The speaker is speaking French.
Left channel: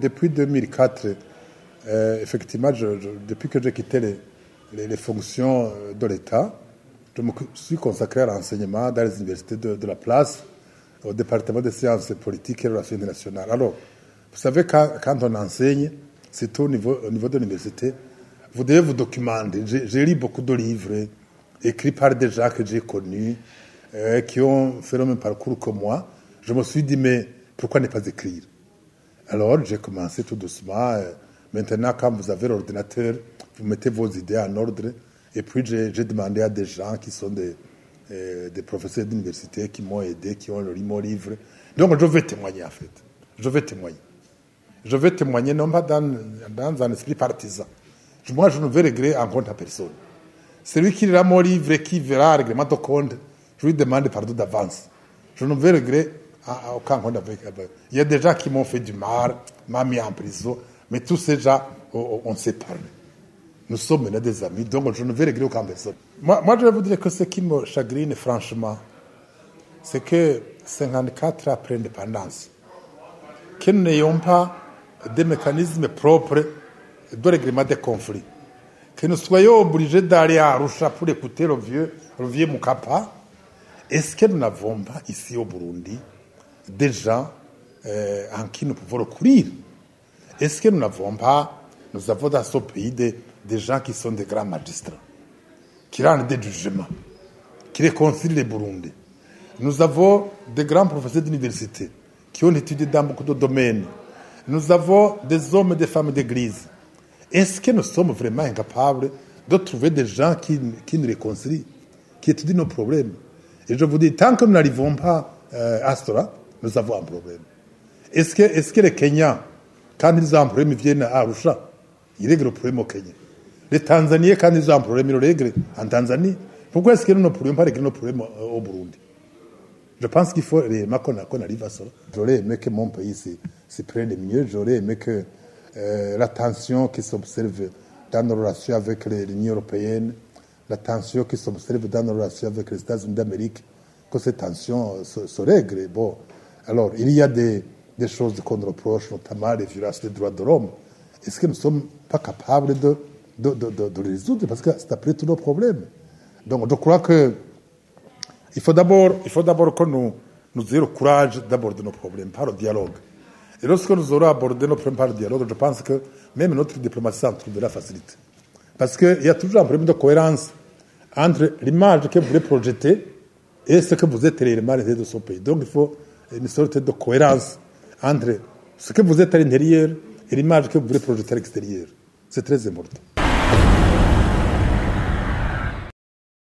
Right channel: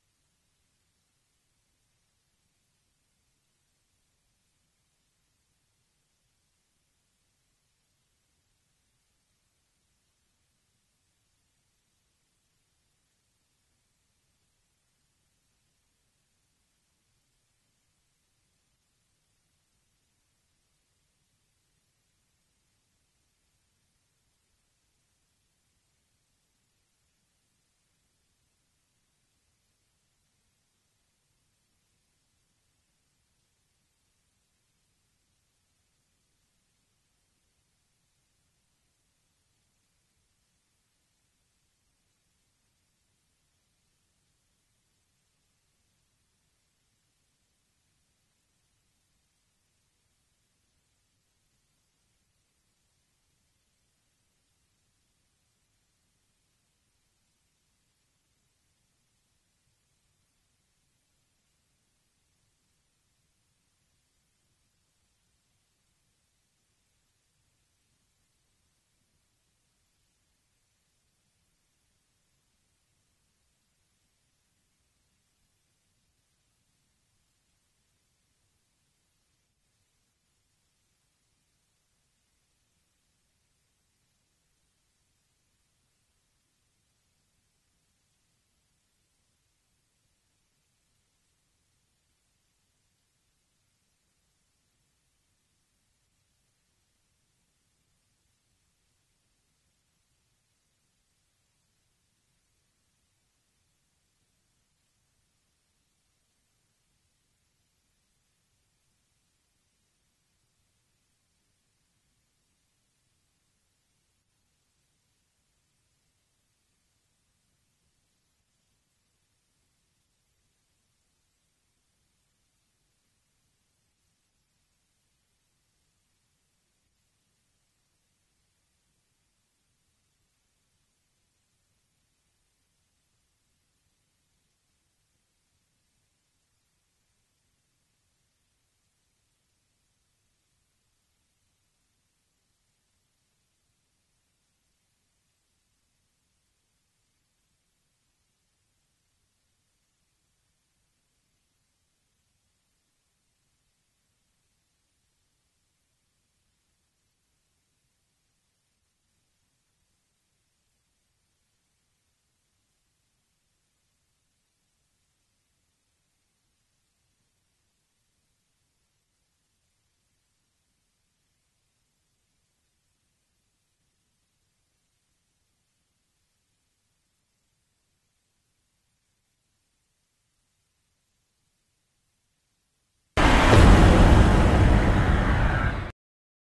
Depuis 2004, effectivement, depuis que j'ai quitté les fonctions de l'État, je me suis consacré à l'enseignement dans les universités de la place, au département des sciences politiques et relations internationales. Alors, vous savez, quand on enseigne, surtout au niveau de l'université, vous devez vous documenter. J'ai lu beaucoup de livres écrits par des gens que j'ai connus, qui ont fait le même parcours que moi. Je me suis dit, mais pourquoi ne pas écrire? Alors, j'ai commencé tout doucement. Maintenant, quand vous avez l'ordinateur, vous mettez vos idées en ordre. Et puis, j'ai demandé à des gens qui sont des professeurs d'université qui m'ont aidé, qui ont lu mon livre. Donc, je vais témoigner, en fait. Je vais témoigner, non pas dans un esprit partisan. Moi, je ne vais régler en compte à personne. Celui qui lira mon livre et qui verra un règlement de compte, je lui demande pardon d'avance. Je ne vais régler aucun compte avec. Il y a des gens qui m'ont fait du mal, m'ont mis en prison, mais tous ces gens, on s'est parlé. Nous sommes maintenant des amis, donc je ne vais régler aucun personne. Moi, je vais vous dire que ce qui me chagrine, franchement, c'est que 54 ans après l'indépendance, que nous n'ayons pas des mécanismes propres de règlement des conflits. Que nous soyons obligés d'aller à Arusha pour écouter le vieux Mukapa. Est-ce que nous n'avons pas ici au Burundi des gens en qui nous pouvons recourir? Est-ce que nous avons dans ce pays des gens qui sont des grands magistrats, qui rendent des jugements, qui réconcilient les Burundais? Nous avons des grands professeurs d'université qui ont étudié dans beaucoup de domaines. Nous avons des hommes et des femmes d'église. Est-ce que nous sommes vraiment incapables de trouver des gens qui nous réconcilient, qui étudient nos problèmes? Et je vous dis, tant que nous n'arrivons pas à cela, nous avons un problème. Est-ce que les Kenyans, quand ils ont un problème, ils viennent à Arusha, ils règlent le problème au Kenya? Les Tanzaniens, quand ils ont un problème, ils le règlent en Tanzanie. Pourquoi est-ce que nous ne pourrions pas régler nos problèmes au Burundi? Je pense qu'il faut réellement qu'on arrive à cela. J'aurais aimé que mon pays se prenne mieux. J'aurais aimé que la tension qui s'observe dans nos relations avec l'Union européenne, la tension qui s'observe dans nos relations avec les États-Unis d'Amérique, que ces tensions se règlent. Bon, alors, il y a des choses qu'on reproche, notamment les violences des droits de l'homme. Est-ce que nous ne sommes pas capables de les résoudre? Parce que c'est après tous nos problèmes. Donc, je crois que il faut d'abord que nous ayons le courage d'aborder nos problèmes par le dialogue. Et lorsque nous aurons abordé nos problèmes par le dialogue, je pense que même notre diplomatie en trouvera facilité. Parce qu'il y a toujours un problème de cohérence entre l'image que vous voulez projeter et ce que vous êtes réellement à l'intérieur de ce pays. Donc il faut une sorte de cohérence entre ce que vous êtes à l'intérieur et l'image que vous voulez projeter à l'extérieur. C'est très important.